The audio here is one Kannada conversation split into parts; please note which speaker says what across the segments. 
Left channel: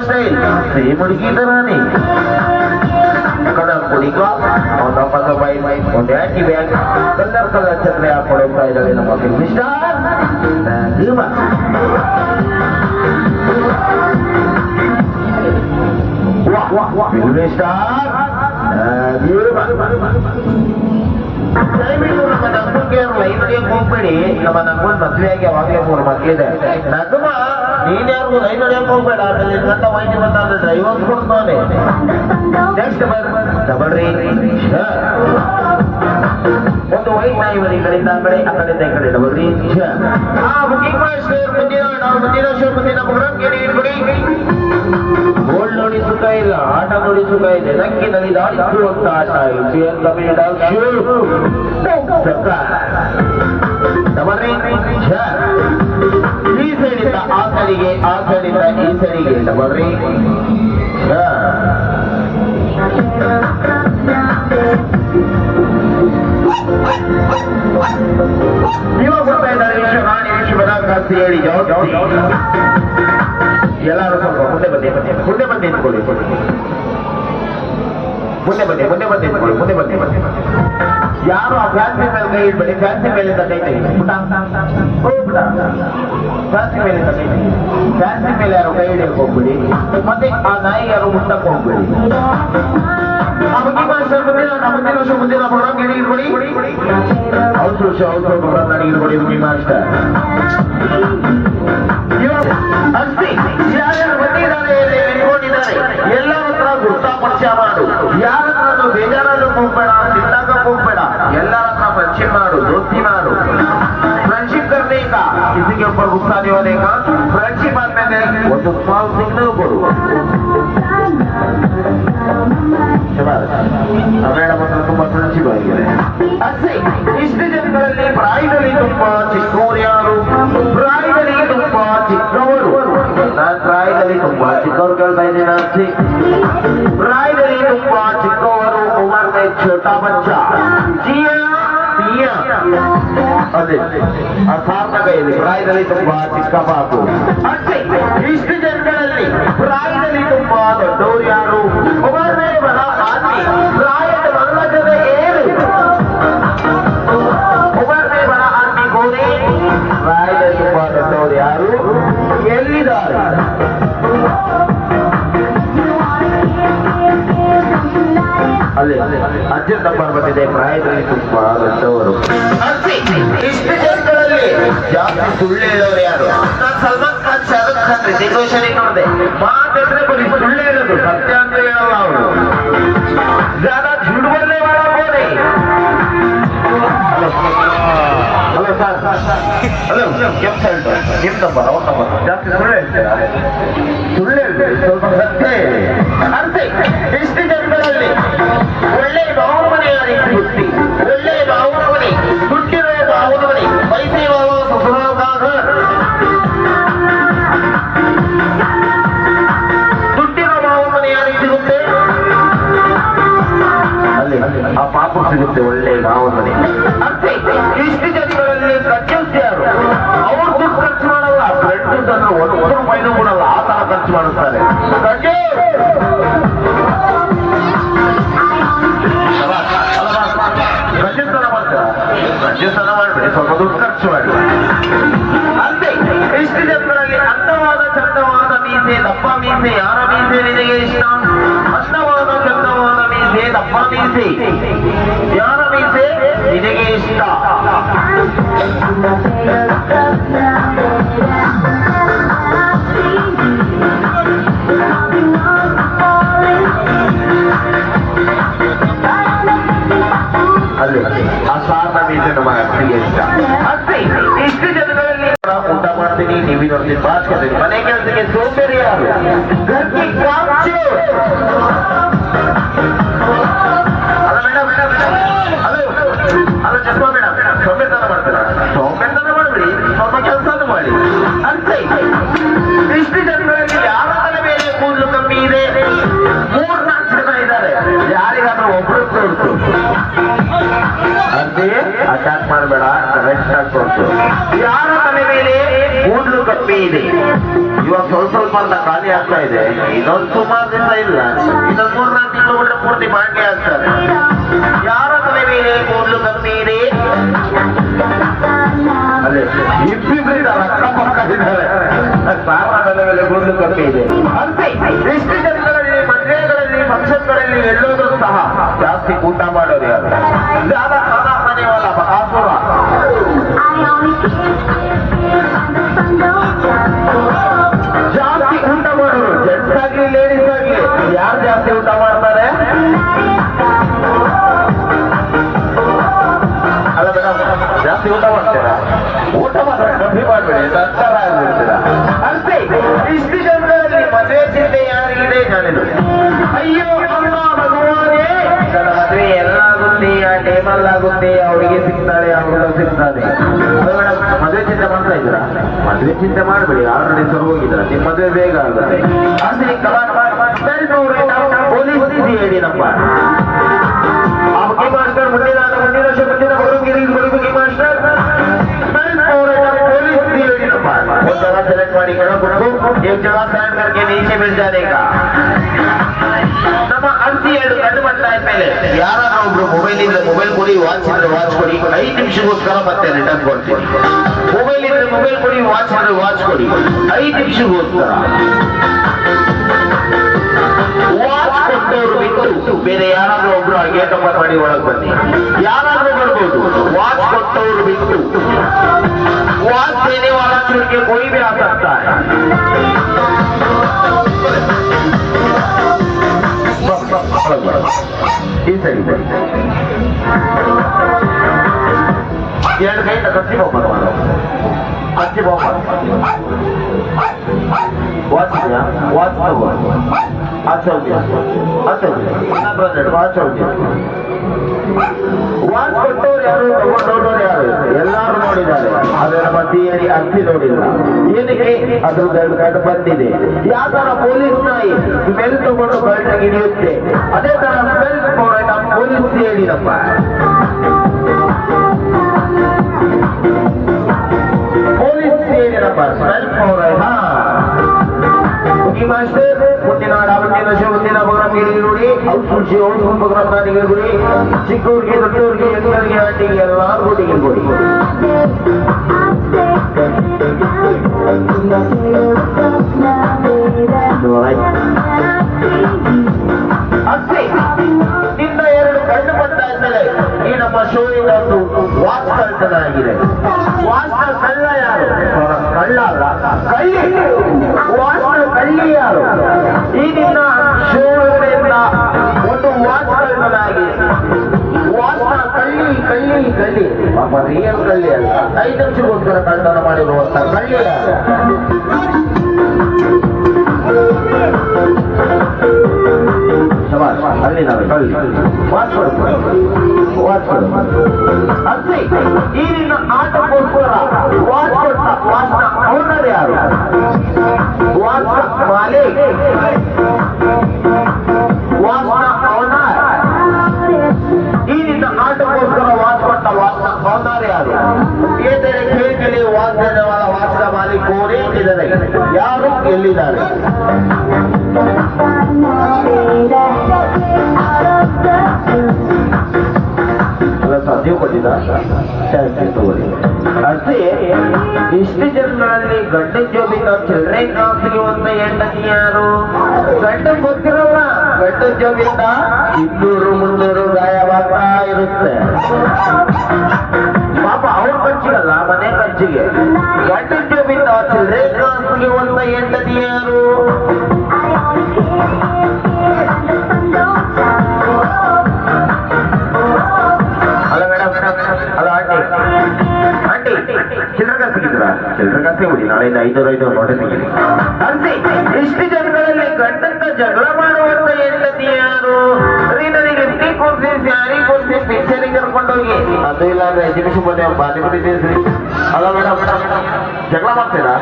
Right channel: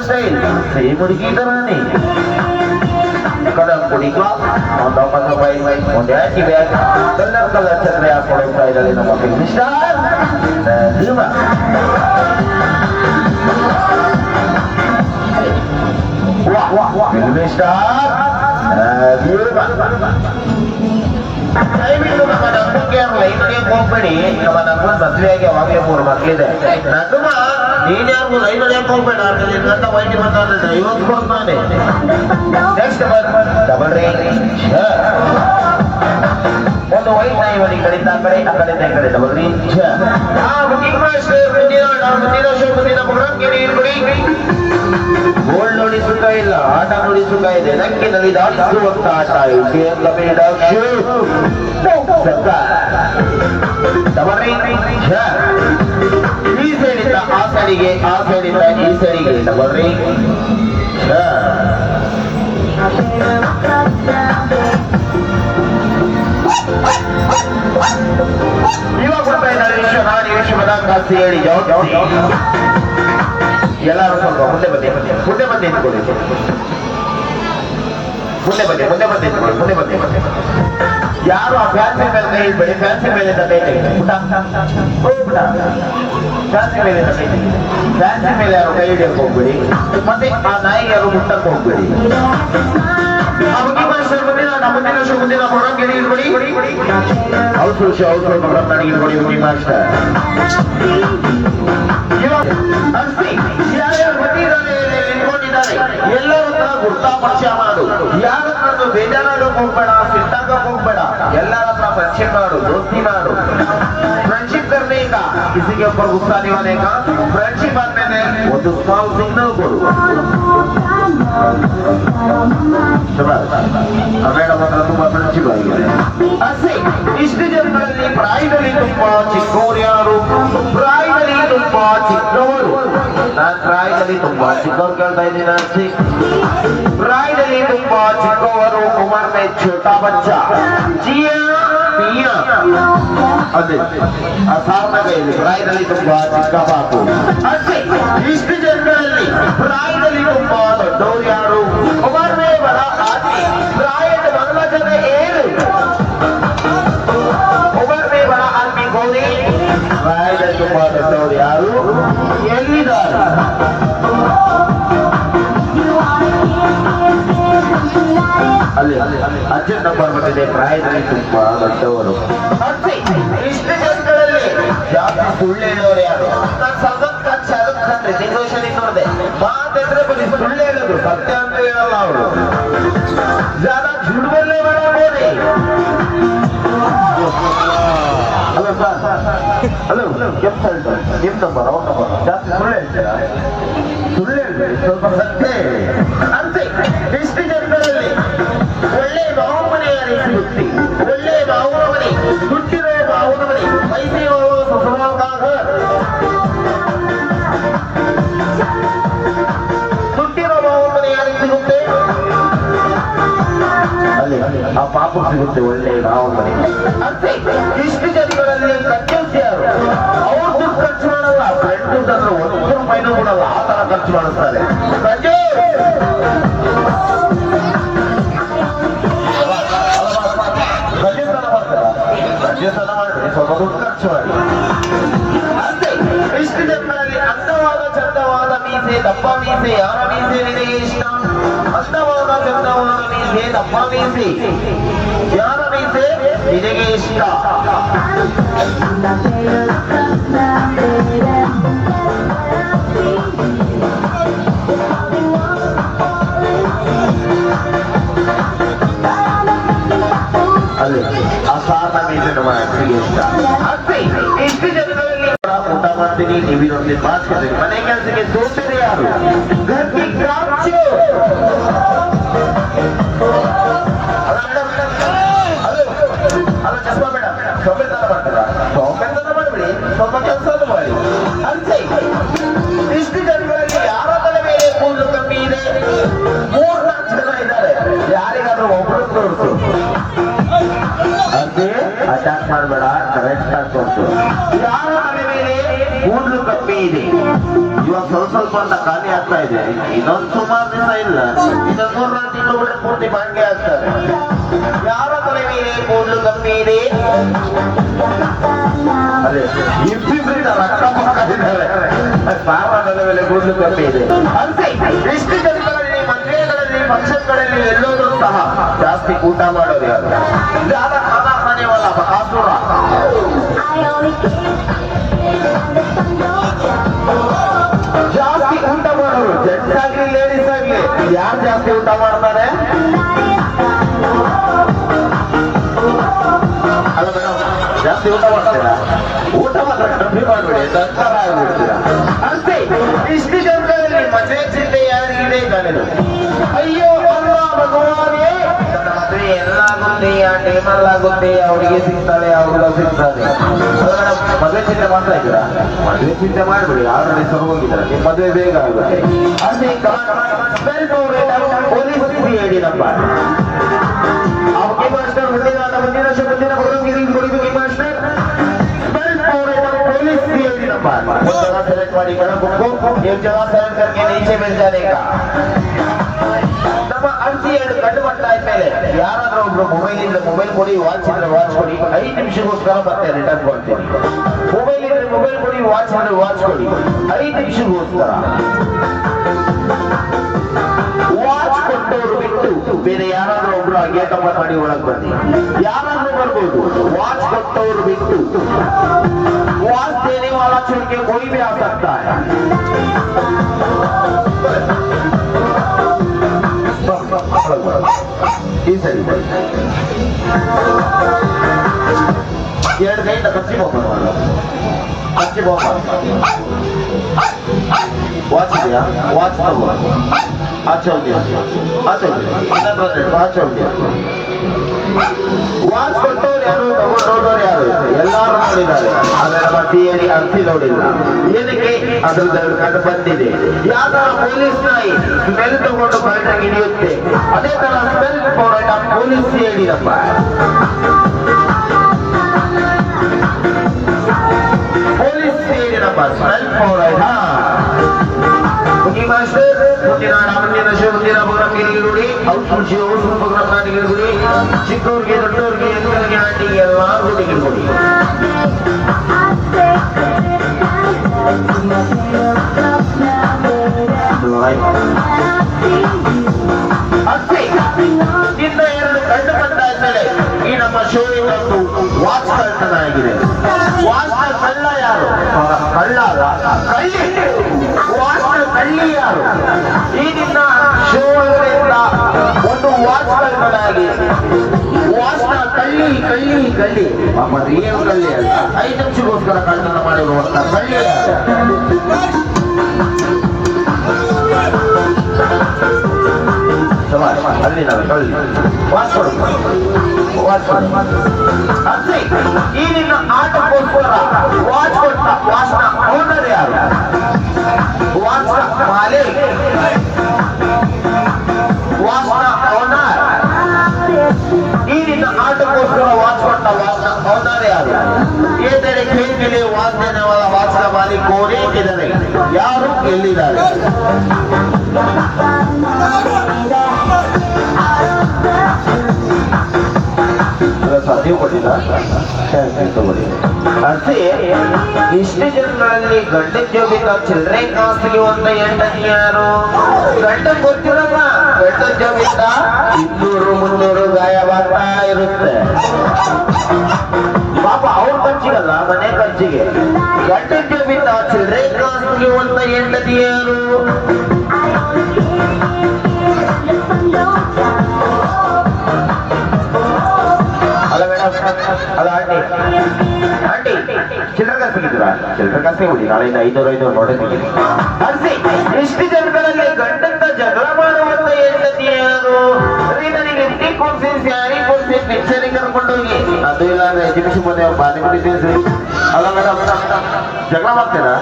Speaker 1: ಸ್ಟೈಲ್ ಸೇಮ್ ಹುಡುಗಿ ಇದ್ದಾನೆ ಕಲರ್ ಕುಡಿಗ ದಪ್ಪದ ಬೈ ಒಂದು ಹ್ಯಾಕಿ ಬ್ಯಾಗ್ ಕಲರ್ ಕಲರ್ ಛತ್ರಿ ಹಾಕೊಂಡು ಹೋಗ್ತಾ ಇದ್ದಾರೆ ನಮ್ಮ ಮಿಸ್ಟರ್ ಭೀಮ ಮಿಸ್ಟರ್ ದಯವಿಟ್ಟು ನಮ್ಮ ನಮ್ಮಕ್ಕೆ ಲೈನ್ಗೆ ಹೋಗ್ಬೇಡಿ ನಮ್ಮ ನಮ್ಮನ್ ಮದ್ವೆಯಾಗಿ ಯಾವಾಗಲೇ ಮೂರು ಮಕ್ಳಿದೆ ನಗಮ ನೀನ್ ಯಾರಿಗೂ ಲೈನ್ ಹೊಡಿಯಕ್ ಹೋಗ್ಬೇಡ ನಿನ್ನಂತ ಮೈಂಡಿ. ಬರ್ತಾ ಐವತ್ತು ಕೊಡ್ತಾನೆ ನೆಕ್ಸ್ಟ್ ಡಬಲ್ ರೀ ಒಂದು ವೈಟ್ ನಾಯಿ ಒಂದು ಈ ಕಡೆಯಿಂದ ಆ ಕಡೆ ಆ ಕಡೆಯಿಂದ ಈ ಕಡೆ. ಡಬಲ್ ರೀ ಗೋಲ್ಡ್ ನೋಡಿ ಸುಖ ಇಲ್ಲ ಆಟ ನೋಡಿ ಸುಖ ಇದೆ. ನಕ್ಕಿ ನದಿ ದಾಟಿಸುವಂತ ಆಟ ಇದು ಕಬೀರ್ ಈ ಸೈಡಿಂದ ಆ ಡಬಲ್ ಹೇಳಿ ಎಲ್ಲರೂ ಸ್ವಲ್ಪ ಮುಂದೆ ಬನ್ನಿ ಮುಂದೆ ಬನ್ನಿ ನಿಂತ್ಕೊಳ್ಳಿ ಮುಂದೆ ಬನ್ನಿ ಮುಂದೆ ಬನ್ನಿ ಮುಂದೆ ಬನ್ನಿ ಯಾರು ಆ ಫ್ಯಾನ್ಸಿ ಮೇಲೆ ಇಡ್ಬೇಡಿ ಫ್ಯಾನ್ಸಿ ಮೇಲೆ ಕೈ ತೆಗೆದು ಫ್ಯಾನ್ಸಿ ಮೇಲೆ ಕೈ ತೆಗೆದು ಫ್ಯಾನ್ಸಿ ಮೇಲೆ ಯಾರು ಕೈ ಹಿಡಿಯಕ್ಕೆ ಹೋಗ್ಬೇಡಿ. ಮತ್ತೆ ಆ ನಾಯಿ ಯಾರು ಮುಟ್ಟಕ್ಕೆ ಹೋಗ್ಬೇಡಿ. ಆ ಬಗ್ಗೆ ಮಾಸ್ಟರ್ ಮುಂದಿನ ನಮ್ಮ ಮುಂದಿನ ಶೋ ಮುಂದಿನ ಪ್ರೋಗ್ರಾಮ್ ಹೇಳಿ ಇಡ್ಬೇಡಿ. ಯಾರ್ಯಾರು ಬಂದಿದ್ದಾರೆ ನಿಂತ್ಕೊಂಡಿದ್ದಾರೆ ಎಲ್ಲರ ಹತ್ರ ಹೋಗ್ಬೇಡ ಎಲ್ಲರ ಹತ್ರ ಪರಿಚಯ ಮಾಡು ದೋಸ್ತಿ ಮಾಡು ಫ್ರೆಂಡ್ಶಿಪ್ करने का किसी के ऊपर गुस्सा नहीं होने का फ्रेंडशिप ಆದ್ಮೇಲೆ ಒಂದು ಸ್ಮಾಲ್ ಸಿಗ್ನಲ್ ಕೊಡು ಶಬಾಷ್ ಮೇಡಮ್ ಹತ್ರ ತುಂಬಾ ಫ್ರೆಂಡ್ಶಿಪ್ ಆಗಿದೆ ಅಷ್ಟೇ ಇಷ್ಟು ಜನರಲ್ಲಿ ಪ್ರಾಯದಲ್ಲಿ ತುಂಬಾ ಚಿಕ್ಕವರು ಯಾರು ಪ್ರಾಯದಲ್ಲಿ ತುಂಬಾ ಚಿಕ್ಕವರು ನಾನು ಪ್ರಾಯದಲ್ಲಿ ತುಂಬಾ ಚಿಕ್ಕವರು ಕೇಳ್ತಾ ಇದ್ದೀನಿ ಅರ್ಸಿ ಪ್ರಾಯದಲ್ಲಿ ತುಂಬಾ ಚಿಕ್ಕವರು ಉಮರ್ ಛೋಟಾ ಬಚ್ಚ ಜಿಯಾ ಪಿಯಾ. ಅದೇ ಆ ಸಾರ್ನ ಕೈಯಲ್ಲಿ ಪ್ರಾಯದಲ್ಲಿ ತುಂಬಾ ಚಿಕ್ಕ ಪಾಪು. ಅಷ್ಟೇ ಇಷ್ಟು ಜನಗಳಲ್ಲಿ ಪ್ರಾಯದಲ್ಲಿ ತುಂಬಾ ದೊಡ್ಡವರು ಯಾರು? ಉಮರ್ ಮೇ ಬಡ ಪ್ರಾಯದ ಬಂದ ಜನ ಏನು? ಅಲ್ಲಿ ಅತ್ಯಂತ ಪರ್ವತಿದೆ ಪ್ರಾಯದಲ್ಲಿ ತುಂಬಾ ದೊಡ್ಡವರು. ಸುಳ್ಳು ಹೇಳೋರು ಯಾರು? ಸಲ್ಮಾನ್ ಖಾನ್ ಶಾರುಖ್ ಖಾನ್ ರಿತಿಕ್ ರೋಷನ್ ನೋಡಿದೆ ಮಾತಂದ್ರೆ ಬರೀ ಸುಳ್ಳು ಹೇಳೋದು ಸತ್ಯ ಅಂತ ಹೇಳಲ್ಲ ಅವರು. ಜಾದಾ ಜುಡ್ಬಲ್ಲೇ ಮಾಡಬೋದೆ ಹಲೋ ಸರ್. ಹಲೋ ಕೆಂಪ ಕೆಂಪ ಬರ ಜಾಸ್ತಿ ಸುಳ್ಳು ಹೇಳ್ತೀರಾ? ಸುಳ್ಳು ಹೇಳ್ತೀರಿ? ಸ್ವಲ್ಪ ಸತ್ಯ ಅರ್ಥ ಇಷ್ಟು ಒಳ್ಳೆ ಭಾವನೆ ಸಿಗುತ್ತೆ? ಒಳ್ಳೆ ಭಾವನೆ ದುಡ್ಡಿನ ಭಾವನೆ ಪಾಪ ಸಿಗುತ್ತೆ ಒಳ್ಳೆ. ಗಜಸ್ಥಾನ ಮಾಡ್ತಾರೆ ಗಜಸ್ಥಾನ ಮಾಡಬೇಡಿ ಸ್ವಲ್ಪ ದುಡ್ಡು ಖರ್ಚು ಮಾಡಿ ಅಂತೆ ಇಷ್ಟು ಜನರಲ್ಲಿ ಅಂದವಾದ ಚಂದವಾದ ಮೀಸೆ ದಪ್ಪ ಮೀಸೆ ಯಾರ ಮೀಸೆ ನಿನಗೆ ಇಷ್ಟ ಅಂದವಾದ ಚಂದವಾದ ಮೀಸೆ ದಪ್ಪ ಮೀಸೆ ಯಾರ ಮೀಸೆ ನಿನಗೆ ಇಷ್ಟ ಸಾರ್ನ ಮೀಸೆ ನಮ್ಮ ಅತ್ತಿಗೆ ಇಷ್ಟ ಅಂತೆ ಇಷ್ಟು ಜನಗಳಲ್ಲಿ ಊಟ ಮಾಡ್ತೀನಿ ಟಿವಿ ನೋಡ್ತೀನಿ ಬಾಸ್ಕೆಟ್ ಮನೆ ಕೆಲಸಕ್ಕೆ ಸೋಂಬೇರಿ ಯಾರು ಗರ್ಭಿ ಕಾಚು ಅಲ್ಲ ಮೇಡಮ್ ಹಲೋ ಅಲ್ಲ ಚಸ್ಮಾ ಮೇಡಮ್ ಸೊಂಬೆತನ ಮಾಡ್ತೀರಾ ಸೊಂಬೆತನ ಮಾಡಬೇಡಿ ಸ್ವಲ್ಪ ಕೆಲಸ ಮಾಡಿ ಅಂತೆ ಇಷ್ಟು ಜನಗಳಲ್ಲಿ ಯಾರ ತಲೆ ಮೇಲೆ ಕೂದಲು ಮಾಡಬೇಡ ಕರೆಕ್ಟ್ ಆಗಿ ಹಾಕೊಂಡು ಯಾರು ತಲೆ ಮೇಲೆ ಕೂದಲು ಕಮ್ಮಿ ಇದೆ. ಇವಾಗ ಸ್ವಲ್ಪ ಸ್ವಲ್ಪ ಅಂತ ಖಾಲಿ ಆಗ್ತಾ ಇದೆ. ಇನ್ನೊಂದು ಸುಮಾರು ದಿವಸ ಇಲ್ಲ. ಇನ್ನೊಂದು ಮೂರ್ನಾಲ್ಕು ತಿಂಗಳು ಬಿಟ್ಟು ಪೂರ್ತಿ ಬಾಂಡೆ ಆಗ್ತಾರೆ ಯಾರ ತಲೆ ಮೇಲೆ ಕೂದಲು ಕಮ್ಮಿ ಇದೆ. ಅದೇ ಇಬ್ಬಿಬ್ಬರಿದ್ದಾರೆ ಅಕ್ಕ ತಲೆ ಮೇಲೆ ಕೂದಲು ಕಮ್ಮಿ ಇದೆ. ಅಂತೆ ಎಷ್ಟು ಜನಗಳಲ್ಲಿ ಮದುವೆಗಳಲ್ಲಿ ಫಂಕ್ಷನ್ಗಳಲ್ಲಿ ಎಲ್ಲೋದ್ರೂ ಸಹ ಜಾಸ್ತಿ ಊಟ ಮಾಡೋದು ಯಾರು? ಜ್ಯಾದ ಖಾನಾ ಖಾನೆ ಆಗುತ್ತೆ ಆ ಹುಡುಗಿ ಸಿಗ್ತಾಳೆ ಆ ಹುಡುಗ ಸಿಗ್ತಾನೆ ಮೇಡಮ್ ಮದುವೆ ಚಿಂತೆ ಮಾಡ್ತಾ ಇದ್ದೀರಾ ಮದುವೆ ಚಿಂತೆ ಮಾಡ್ಬೇಡಿ ಆಲ್ರೆಡಿ ಸರ್ ಹೋಗಿದ್ದಾರೆ ನಿಮ್ಮ ಮದುವೆ ಬೇಗ ಆಗುತ್ತೆ ಅದೇ ಸ್ಮೆಲ್ ನೋಡಿ ಪೊಲೀಸ್ ಹೇಳಿ ನಮ್ಮ आपके मास्टर मंदिर आना मंदिर से मंदिर बड़ों गिरी बड़ी की मास्टर स्पेल और एक पुलिस भी है ना बात एक जगह सेलेक्ट ಮಾಡಿ ಕೆಳಗೆ ಬಿಟ್ಟು एक जगह साइन करके नीचे मिल जाने का ನಮ್ಮ ಅಂತಿ ಎರಡು ಕಂಡು ಬರ್ತಾ ಇದ್ಮೇಲೆ ಯಾರಾದ್ರೂ ಒಬ್ರು ಮೊಬೈಲ್ ಇಂದ ಮೊಬೈಲ್ ಕೊಡಿ, ವಾಚ್ ಇದ್ರೆ ವಾಚ್ ಕೊಡಿ. ಐದು ನಿಮಿಷಕ್ಕೋಸ್ಕರ ಮತ್ತೆ ರಿಟರ್ನ್ ಕೊಡ್ತೀನಿ. ಮೊಬೈಲ್ ಇದ್ರೆ ಮೊಬೈಲ್ ಕೊಡಿ, ವಾಚ್ ಇದ್ರೆ ವಾಚ್ ಕೊಡಿ. ಐದು ನಿಮಿಷಕ್ಕೋಸ್ಕರ. ವಾಚ್ ಕೊಟ್ಟವರು ಬಿಟ್ಟು ಬೇರೆ ಯಾರಾದ್ರೂ ಒಬ್ರು ಗೇಟ್ ಮಾಡಿ ಒಳಗೆ ಬನ್ನಿ. ಯಾರಾದ್ರೂ ಬರ್ಬೋದು. ವಾಚ್ ಕೊಟ್ಟವರು ಬಿಟ್ಟು ಎರಡು ಕೈ ಕಸಿ ಹೋಗ್ಬೋದು ಅಚ್ಚಿ ಹೋಗ್ಬೋದು ವಾಚ್ ಇದೆಯಾ? ವಾಚ್ ತಗೋ. ಆಚೆ ಹೋಗ್ತೀಯ? ಆಚೆ ಹೋಗ್ತೀಯ? ಇನ್ನೊಂದು ಎರಡು ಆಚೆ ಹೋಗ್ತೀಯ? ವಾಚ್ ಕೊಟ್ಟವ್ರು ಯಾರು? ತಗೊಂಡೋದವ್ರು ಯಾರು? ಎಲ್ಲಾರು ನೋಡಿದ್ದಾರೆ. ಆದ್ರೆ ಪ್ರತಿಯರಿ ಅರ್ಸಿ ನೋಡಿಲ್ಲ. ಏನಕ್ಕೆ? ಅದ್ರದ್ದು ಎರಡು ಕಡೆ ಬಂದಿದೆ. ಯಾವ ತರ ಪೊಲೀಸ್ ನಾಯಿ ಸ್ಮೆಲ್ ತಗೊಂಡು ಬಯಲಿಗೆ ಹಿಡಿಯುತ್ತೆ. ಅದೇ ತರ ಸ್ಮೆಲ್ ತಗೊಂಡು ನಮ್ಮ ಪೊಲೀಸ್ ಹೇಳಿರಪ್ಪ ಚಿಕ್ಕವ್ರಿಗೆ ದೊಡ್ಡವ್ರಿಗೆ ಎಲ್ಲರಿಗೆ ಆಟಿಗೆ ಎಲ್ಲಾರು ಹುಡುಗಿ ಕೊಡಿ ಅಷ್ಟೇ ಕಣ್ಣು ಬಂದಾದ್ಮೇಲೆ ಈ ನಮ್ಮ ಶೋಯಿಂಗ್ ಒಂದು ವಾಚ್ ಕಳ್ತನಾಗಿದೆ ವಾಚ್ ಕಳ್ಳ ಯಾರು? ಕಳ್ಳ ಕಳ್ಳಿ. ವಾಚ್ ಕಳ್ಳಿ ಯಾರು? ಈ ನಿನ್ನ ಶೋ ಒಂದು ವಾಚ್ ಕಳ್ತನಾಗಿ ವಾಚ್ನ ಕಳ್ಳಿ ಕಳ್ಳಿ ಕಳ್ಳಿ. ರಿಯಲ್ ಕಳ್ಳಿ ಅಲ್ಲ ಐದು ನಿಮಿಷಕ್ಕೋಸ್ಕರ ಕಳ್ಳತನ ಮಾಡಿರುವಂತ ಕಳ್ಳಿ ಈ ನಿನ್ನ ಆಟಕ್ಕೋಸ್ಕರ ವಾಚ್ ಕೊಟ್ಟ ವಾಚ್ನ ಓನರ್ ಯಾರು ವಾಚ್ನ ಮಾಲೀಕ್ ಓನರ್ ಈ ನಿನ್ನ ಆಟಕ್ಕೋಸ್ಕರ ವಾಚ್ ಕೊಟ್ಟ ವಾಚ್ನ ಓನರ್ ಯಾರು ಏದರೆ ಕೇಳಿದಲ್ಲಿ ವಾಚ್ನ ವಾಚ್ನ ಮಾಲೀಕ್ ಕೋರೇ ಇದ್ದಾರೆ ಯಾರು ಎಲ್ಲಿದ್ದಾರೆ ಅಲ್ಲ ಸರ್ ನೀವು ಕೊಟ್ಟಿದ್ದ ಅದೇ, ಇಷ್ಟು ಜನಗಳಲ್ಲಿ ಗಂಡನ ಜೋಬಿ ಚಿಲ್ಲರೆ ಕಾಸ್ತಿಗೆ ಅಂತ ಹೆಂಡತಿ ಯಾರು? ಗಂಡ ಗೊತ್ತಿರೋಣ ಗಂಡನ ಜೋಬಿಂದ ಇನ್ನೂರು ಮುನ್ನೂರು ಗಾಯವಾಗ್ತಾ ಇರುತ್ತೆ. ಪಾಪ ಅವ್ರ ಖರ್ಚಿಗಲ್ಲ ಮನೆ ಖರ್ಚಿಗೆ. ಚಿಲ್ಲರೆ ಕಾಸೇ ಬಿಡಿ ನಾಳೆ ಐನೂರು ಐನೂರು ಇಷ್ಟು ಜನಗಳಲ್ಲಿ ಗಂಡಂತ ಜಗಳ ಮಾಡುವಂತ ಹೆಂಡತಿ ಯಾರು ಅದು ಇಲ್ಲ ಅಂದ್ರೆ ಎಜುಕೇಶನ್ ಅಲ್ಲ ಮೇಡಮ್ ಜಗಳ ಮಾಡ್ತೀರಾ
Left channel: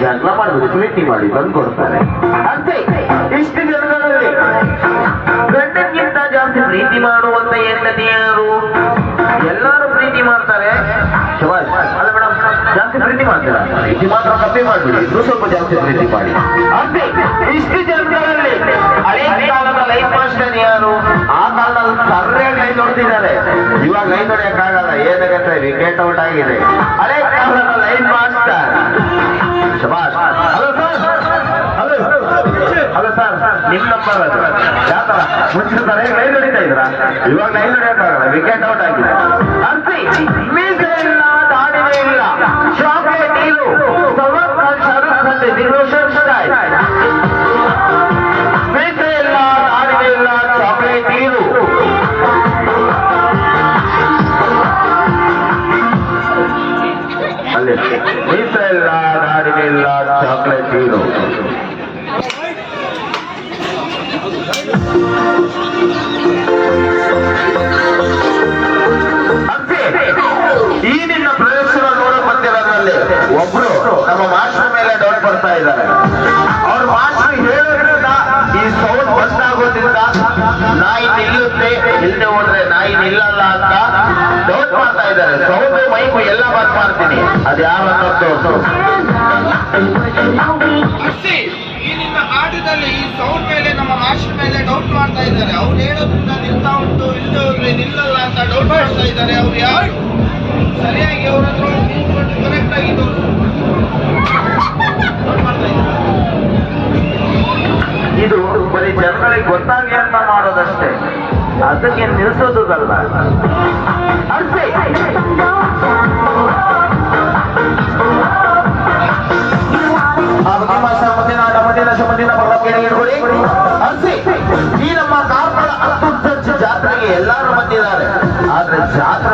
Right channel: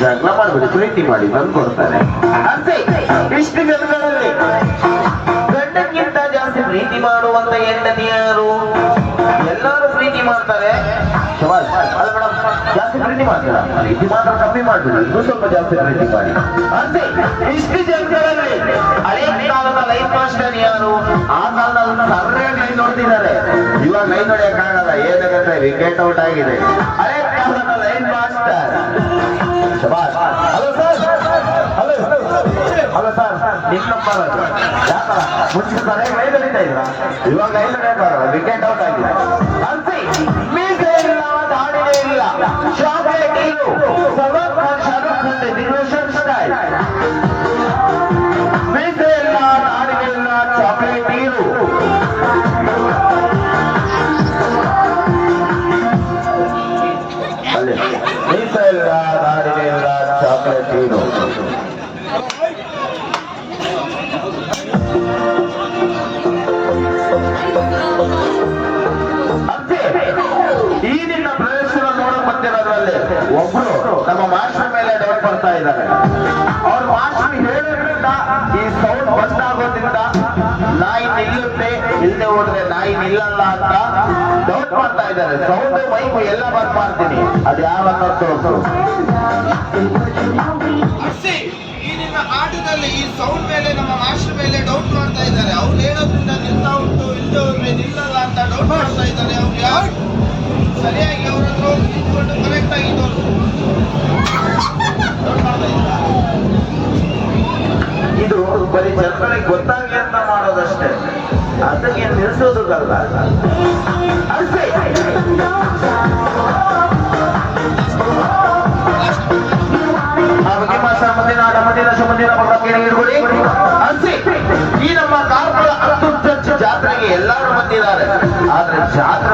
Speaker 1: ಜಗಳ ಮಾಡ್ಬಿಡಿ ಪ್ರೀತಿ ಮಾಡಿ ಬಂದು ಕೊಡ್ತಾರೆ ಅಲ್ಸಿ ಇಷ್ಟು ಜನಗಳಲ್ಲಿ ಜಾಸ್ತಿ ಪ್ರೀತಿ ಮಾಡುವಂತ ಹೆಂಡತಿ ಯಾರು ಎಲ್ಲರೂ ಪ್ರೀತಿ ಮಾಡ್ತಾರೆ ಜಾಸ್ತಿ ಪ್ರೀತಿ ಮಾಡ್ತೀರಾ? ಪ್ರೀತಿ ಮಾತ್ರ ಕಮ್ಮಿ ಮಾಡ್ಬಿಡಿ. ಇನ್ನೂ ಸ್ವಲ್ಪ ಜಾಸ್ತಿ ಪ್ರೀತಿ ಮಾಡಿ. ಅಂತೆ ಇಷ್ಟು ಜನಗಳಲ್ಲಿ ಹಳೆ ಕಾಲದ ಲೈಫ್ ಮಾಸ್ಟರ್ ಯಾರು? ಆ ಕಾಲದಲ್ಲಿ ಸರಿಯಾಗಿ ಕೈ ನೋಡ್ತಿದ್ದಾರೆ ಇವಾಗ ಲೈನ್ ನೋಡಿಯಕ್ಕಾಗಲ್ಲ ಏನಾಗತ್ತೆ ವಿಕೆಟ್ ಔಟ್ ಆಗಿದೆ. ಹಳೆ ಕಾಲದ ಲೈನ್ ಮಾಸ್ಟರ್ ಶಬಾಷ್. Hello sir. ಹಲೋ ಸರ್ ನಿಮ್ ನಂಬರ್ ಯಾಕಲ್ಲ ಮುಂಚಿನ ತರ ಲೈನ್ ಹೊಡಿತಾ ಇದ್ರ ಇವಾಗ ಲೈನ್ ಹೊಡಿಯಕ್ಕಾಗಲ್ಲ ವಿಕೆಟ್ ಔಟ್ ಆಗಿದೆ. ಅರ್ಸಿ ಮೀಸೆ ಇಲ್ಲ ದಾಡಿನೇ ಇಲ್ಲ. ಚಾಕ್ಲೇಟ್ ನೀರು ಸಲ್ಮಾನ್ ಖಾನ್ ಶಾರುಖ್ ಖಾನ್ ಡಿವೋಷನ್ ಸ್ಟೈಲ್ ಮೀಸೆ ಇಲ್ಲ ದಾಡಿನೇ ಇಲ್ಲ ಚಾಕ್ಲೇಟ್ ನೀರು ಅಲ್ಲಿ ಮೀಸೆ ಇಲ್ಲ ದಾಡಿನೇ ಇಲ್ಲ ಚಾಕ್ಲೇಟ್ ನೀರು ಬಂದಿರೋದ್ರಲ್ಲಿ ಒಬ್ರು ನಮ್ಮ ಮಾಸ್ಟರ್ ಮೇಲೆ ಡೌಟ್ ಬರ್ತಾ ಇದ್ದಾರೆ. ಅವ್ರ ಮಾಸ್ಟರ್ ಹೇಳೋದ್ರಿಂದ ಈ ಸೌಂಡ್ ಬಂದ್ ಆಗೋದ್ರಿಂದ ನಾಯಿ ನಿಲ್ಲುತ್ತೆ ಇಲ್ಲದೆ ಹೋದ್ರೆ ನಾಯಿ ನಿಲ್ಲಲ್ಲ ಅಂತ ಡೌಟ್ ಮಾಡ್ತಾ ಇದ್ದಾರೆ. ಸೌಂಡ್ ಮೈಕು ಎಲ್ಲ ಬಂದ್ ಮಾಡ್ತೀನಿ. ಅದು
Speaker 2: ಯಾವ ತಪ್ಪು? ಆಟದಲ್ಲಿ ಈ ಸೌಂಡ್ ಮೇಲೆ, ನಮ್ಮ ಮಾಸ್ಟರ್ ಮೇಲೆ ಡೌಟ್ ಮಾಡ್ತಾ ಇದ್ದಾರೆ. ಅವ್ರು ಹೇಳೋದ್ರಿಂದ ನಿಲ್ತಾ ಉಂಟು ಇಲ್ಲದೆ ಹೋದ್ರೆ ನಿಲ್ಲಲ್ಲ ಅಂತ ಡೌಟ್ ಮಾಡ್ತಾ ಇದ್ದಾರೆ. ಅವ್ರು ಯಾರು?
Speaker 1: ಇದು ಬರೀ ಜನಗಳಿಗೆ ಗೊತ್ತಾಗಿ ಅಂತ ಮಾಡೋದಷ್ಟೇ. ಅದಕ್ಕೆ ನಿಲ್ಸೋದಲ್ಲ ಅಷ್ಟೇ ಜಾತ್ರೆಗೆ ಎಲ್ಲರೂ ಬಂದಿದ್ದಾರೆ. ಆದ್ರೆ ಜಾತ್ರೆ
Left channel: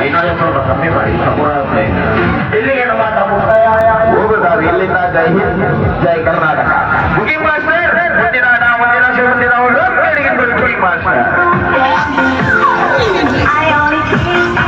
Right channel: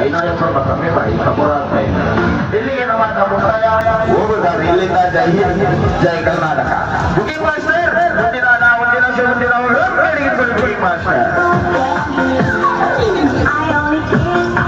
Speaker 1: ಐನೂರ ಕಮ್ಮಿ ಮಾಡಿ ಇಲ್ಲಿಗೆ ನಮ್ಮ ಮುಕ್ತಾಯ ಹೋಗುತ್ತಾರೆ ಇಲ್ಲಿಂದ ಜೈ ಹಿಂದ್ ಜೈ ಕರ್ನಾಟಕ ಬುಕಿಂಗ್ ಮಾಸ್ಟರ್ ಮುಂದಿನ ನಾವು ಮುಂದಿನ ಮುಂದಿನ ಅವರು ಮಾಸ್ಟರ್